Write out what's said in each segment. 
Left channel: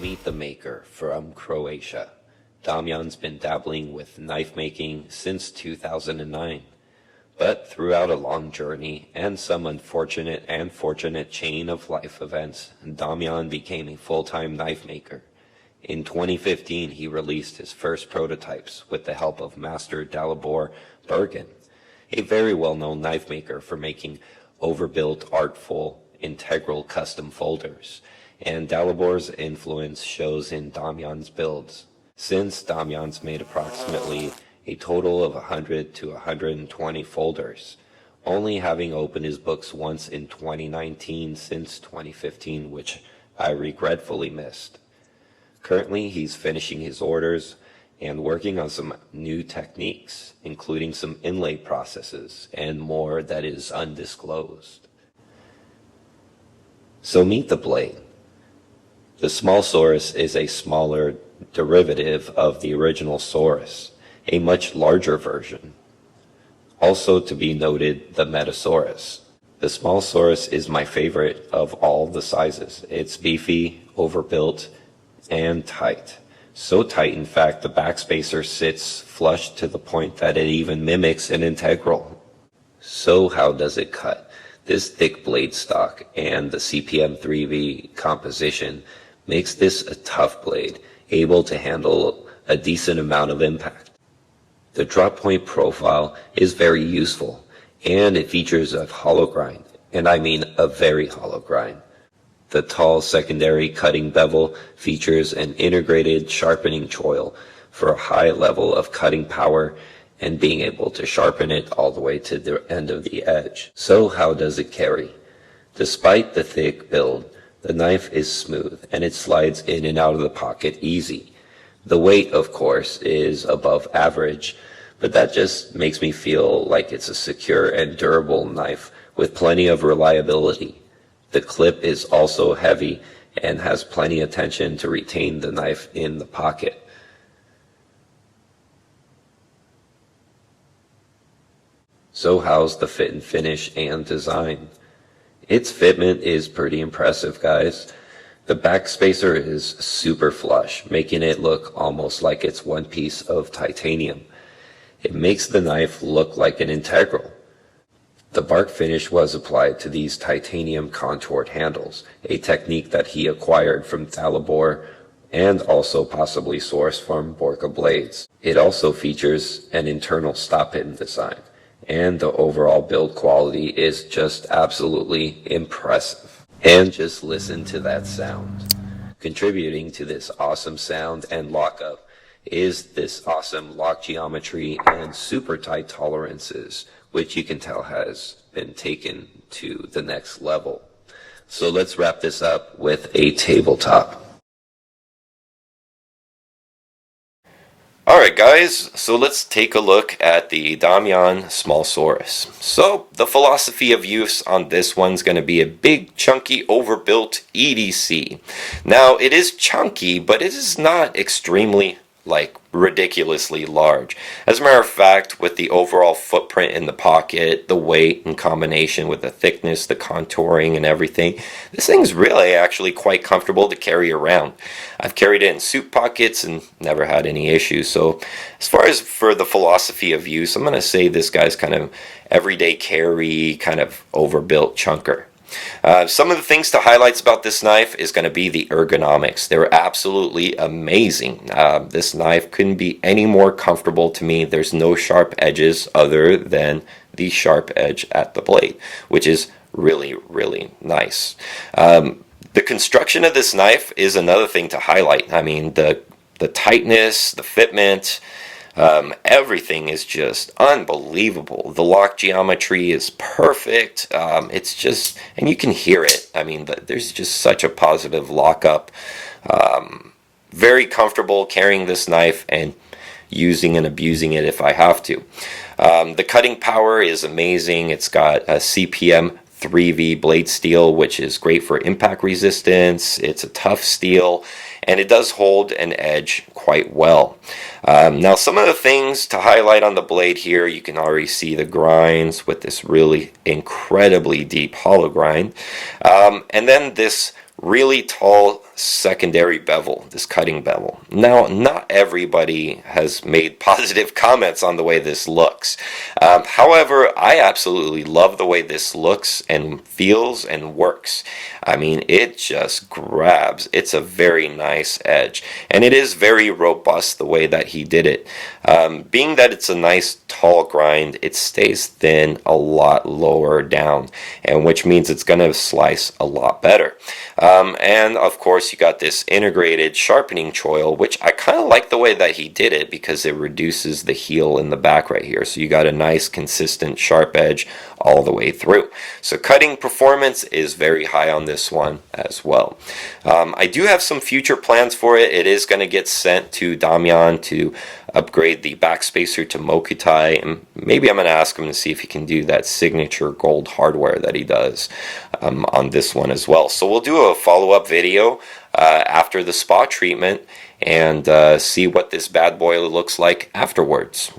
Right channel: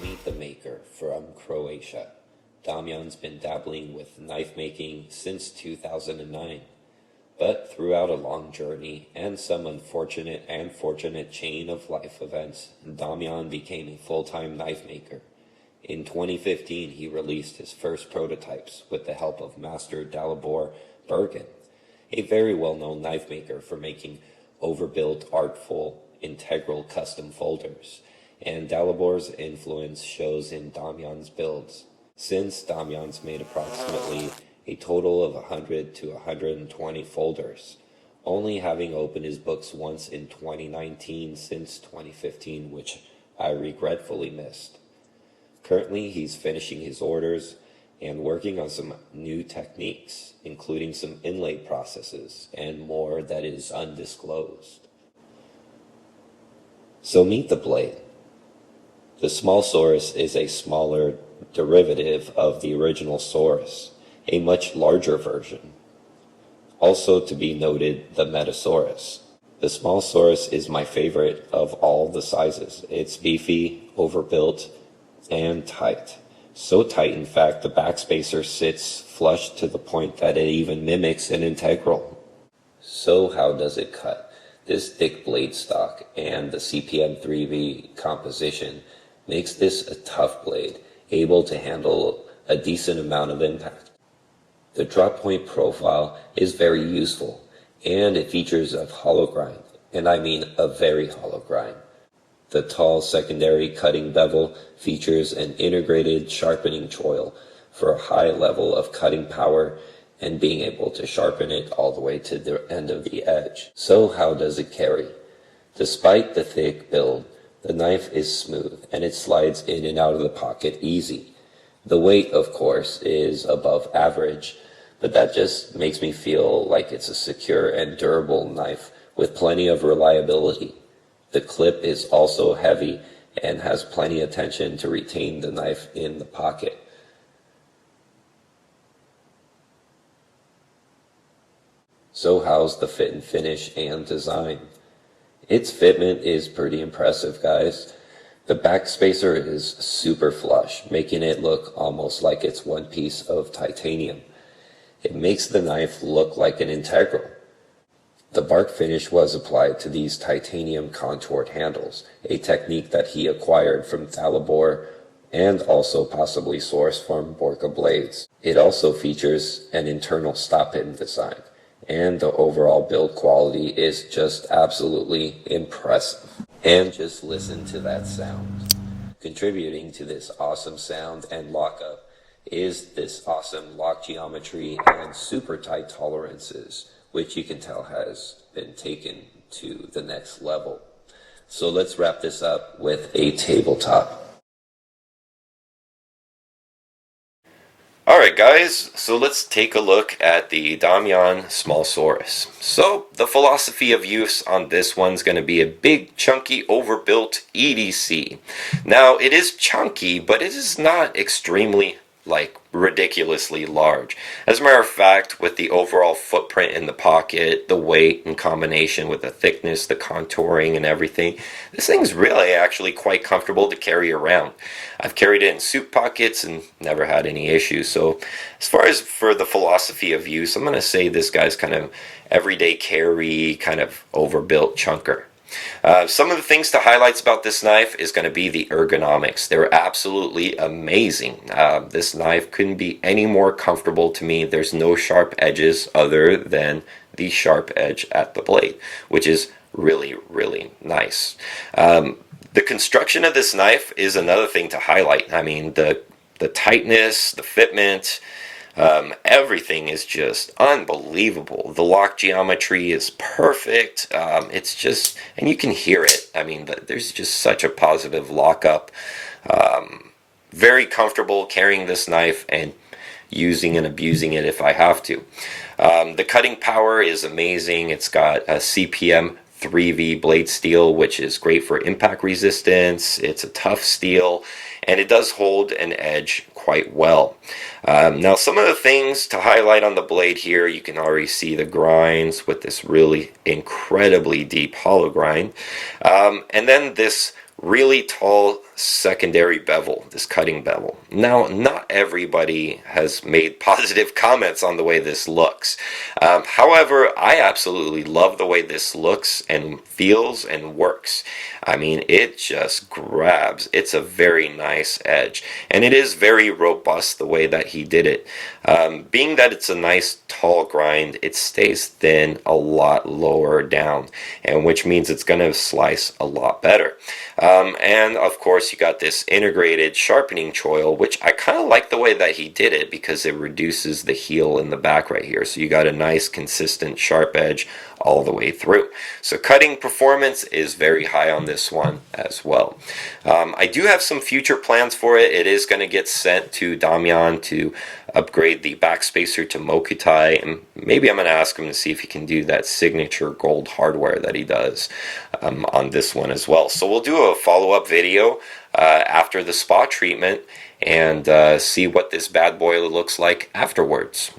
Meet the Maker from Croatia. Damjan's been dabbling with knife making since 2009. But throughout a long journey and some unfortunate and fortunate chain of life events, Damjan became a full-time knife maker. In 2015, he released his first prototypes with the help of Master Dalibor Bergen, a very well-known knife maker for making overbuilt, artful, integral custom folders, and Dalibor's influence shows in Damjan's builds. Since Damjan's made approximately a total of 100 to 120 folders, only having opened his books once in 2019 since 2015, which I regretfully missed. Currently, he's finishing his orders and working on some new techniques, including some inlay processes and more that is undisclosed. So meet the blade. The Small Saurus is a smaller derivative of the original Saurus, a much larger version. Also to be noted, the Metasaurus. The Small Saurus is my favorite of all the sizes. It's beefy, overbuilt, and tight. So tight, in fact, the backspacer sits flush to the point that it even mimics an integral. So how does it cut? This thick blade stock and the CPM 3V composition makes this a tough blade, able to handle a decent amount of impact. The drop point profile is very useful, and it features a hollow grind, and I mean a very hollow grind. The tall secondary cutting bevel features an integrated sharpening choil for a high level of cutting power and being able to sharpen it all the way to the end of the edge. So how does it carry? Despite the thick build, the knife is smooth and it slides in and out of the pocket easy. The weight, of course, is above average, but that just makes me feel like it's a secure and durable knife with plenty of reliability. The clip is also heavy and has plenty of tension to retain the knife in the pocket. So how's the fit and finish and design? Its fitment is pretty impressive, guys. The back spacer is super flush, making it look almost like it's one piece of titanium. It makes the knife look like an integral. The bark finish was applied to these titanium contoured handles, a technique that he acquired from Thalabor and also possibly sourced from Borka blades. It also features an internal stop pin design, and the overall build quality is just absolutely impressive. And just listen to that sound. Contributing to this awesome sound and lockup is this awesome lock geometry and super tight tolerances, which you can tell has been taken to the next level. So let's wrap this up with a tabletop. Alright guys, so let's take a look at the Damjan Small Saurus. So the philosophy of use on this one's going to be a big, chunky, overbuilt EDC. Now it is chunky, but it is not extremely ridiculously large. As a matter of fact, with the overall footprint in the pocket, the weight in combination with the thickness, the contouring and everything, this thing's really actually quite comfortable to carry around. I've carried it in suit pockets and never had any issues. So as far as for the philosophy of use, I'm going to say this guy's kind of everyday carry, kind of overbuilt chunker. Some of the things to highlight about this knife is going to be the ergonomics. They're absolutely amazing. This knife couldn't be any more comfortable to me. There's no sharp edges other than the sharp edge at the blade, which is really, really nice. The construction of this knife is another thing to highlight. I mean, the tightness, the fitment, everything is just unbelievable. The lock geometry is perfect. It's just, and you can hear it. I mean, there's just such a positive lockup. Very comfortable carrying this knife and using and abusing it if I have to. The cutting power is amazing. It's got a CPM 3V blade steel, which is great for impact resistance. It's a tough steel, and it does hold an edge quite well. Now, some of the things to highlight on the blade here, you can already see the grinds with this really incredibly deep hollow grind. And then this really tall secondary bevel, this cutting bevel. Now, not everybody has made positive comments on the way this looks. However, I absolutely love the way this looks and feels and works. I mean, it just grabs. It's a very nice edge. And it is very robust the way that he did it. Being that it's a nice tall grind, it stays thin a lot lower down, and which means it's going to slice a lot better. And of course you got this integrated sharpening choil, which I kind of like the way that he did it because it reduces the heel in the back right here. So you got a nice consistent sharp edge all the way through. So cutting performance is very high on this one as well. I do have some future plans for it. It is going to get sent to Damjan to upgrade the backspacer to Mokutai, and maybe I'm going to ask him to see if he can do that signature gold hardware that he does on this one as well. So we'll do a follow-up video after the spa treatment and see what this bad boy looks like afterwards.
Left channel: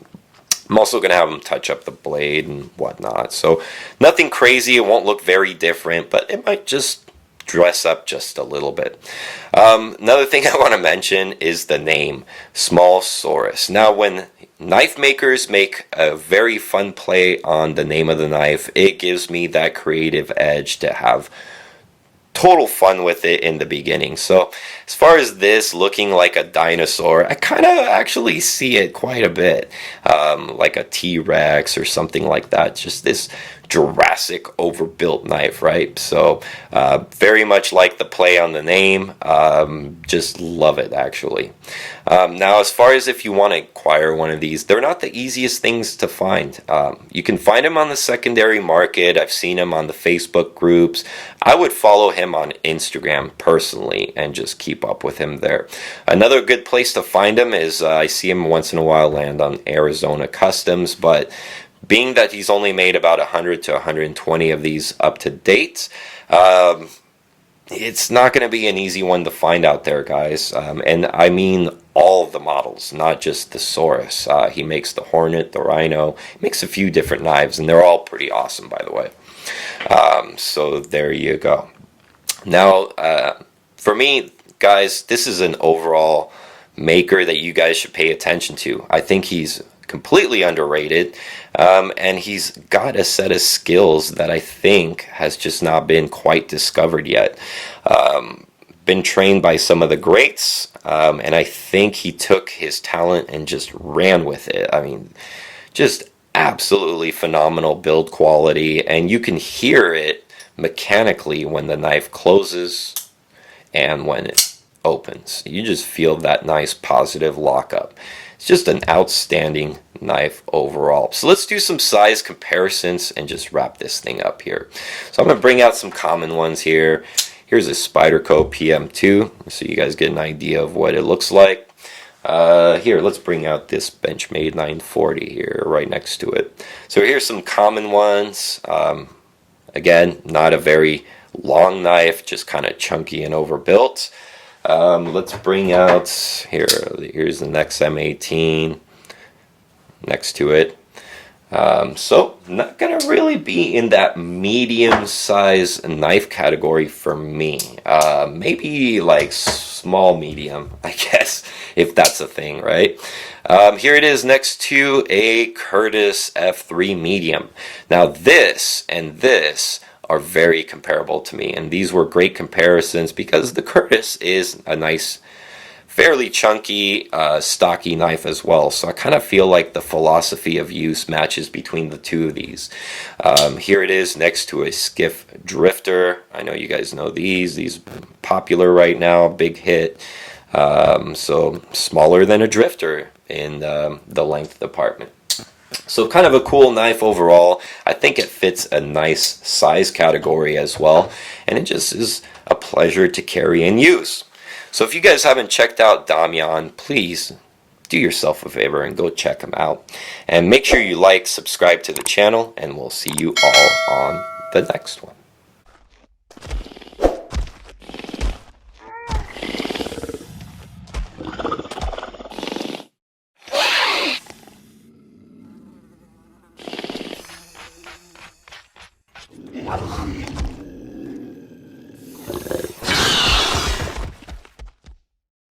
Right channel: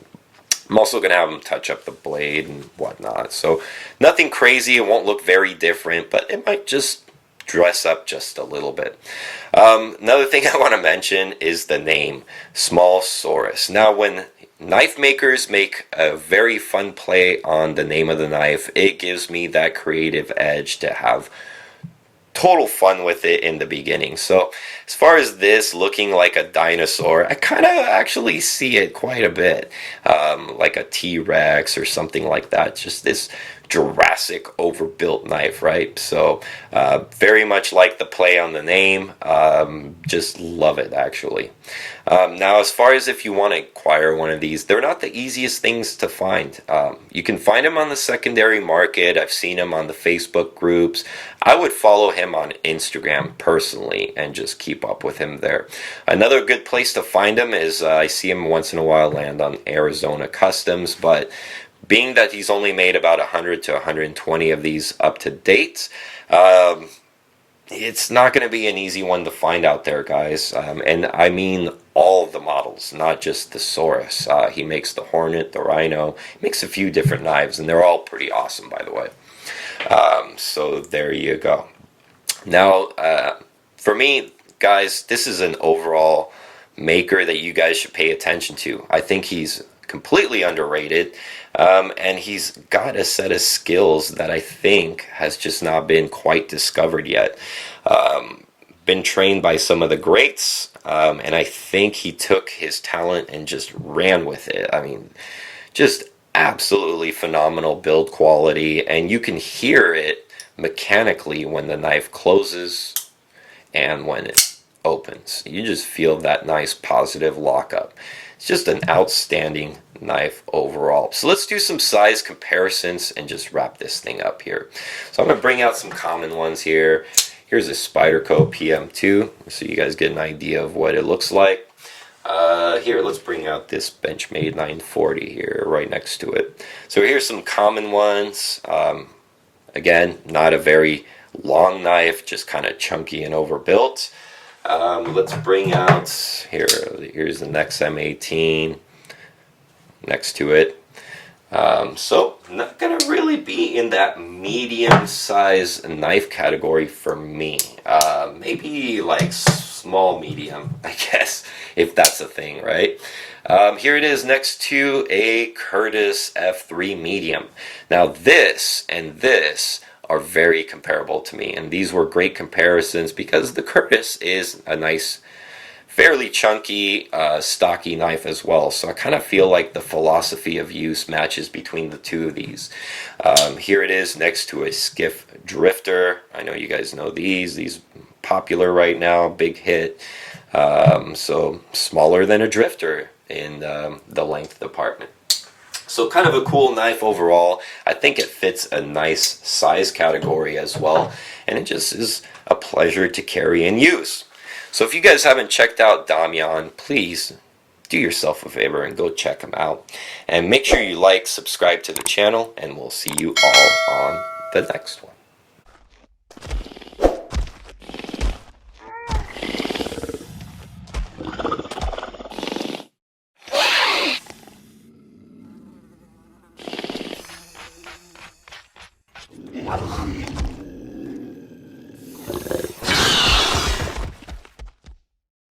I'm also going to have him touch up the blade and whatnot. So nothing crazy. It won't look very different, but it might just dress up just a little bit. Another thing I want to mention is the name, Small Saurus. Now, when knife makers make a very fun play on the name of the knife, it gives me that creative edge to have total fun with it in the beginning. So as far as this looking like a dinosaur, I kind of actually see it quite a bit, like a T-Rex or something like that. Just this Jurassic overbuilt knife, right? So very much like the play on the name. Just love it, actually. Now, as far as if you want to acquire one of these, they're not the easiest things to find. You can find them on the secondary market. I've seen them on the Facebook groups. I would follow him on Instagram personally and just keep up with him there. Another good place to find him is I see him once in a while land on Arizona Customs, but being that he's only made about 100 to 120 of these up to date, it's not going to be an easy one to find out there, guys. And I mean all of the models, not just the Saurus. He makes the Hornet, the Rhino. He makes a few different knives, and they're all pretty awesome, by the way. So there you go. Now, for me, guys, this is an overall maker that you guys should pay attention to. I think he's completely underrated. And he's got a set of skills that I think has just not been quite discovered yet. Been trained by some of the greats, and I think he took his talent and just ran with it. I mean, just absolutely phenomenal build quality, and you can hear it mechanically when the knife closes and when it opens. You just feel that nice positive lockup. It's just an outstanding knife overall. So let's do some size comparisons and just wrap this thing up here. So I'm going to bring out some common ones here. Here's a Spyderco PM2, so you guys get an idea of what it looks like. Here, let's bring out this Benchmade 940 here, right next to it. So here's some common ones. Again, not a very long knife, just kind of chunky and overbuilt. Let's bring out, here's the next M18 next to it. So not gonna really be in that medium size knife category for me. Maybe like small medium, I guess, if that's a thing, right? Here it is next to a Curtis F3 medium. Now this and this are very comparable to me, and these were great comparisons because the Curtis is a nice, fairly chunky, stocky knife as well. So I kind of feel like the philosophy of use matches between the two of these. Here it is next to a Skiff Drifter. I know you guys know these popular right now, big hit. So smaller than a Drifter in the length department. So kind of a cool knife overall. I think it fits a nice size category as well, and it just is a pleasure to carry and use. So if you guys haven't checked out Damjan, please do yourself a favor and go check him out. And make sure you like, subscribe to the channel, and we'll see you all on the next one. Wow.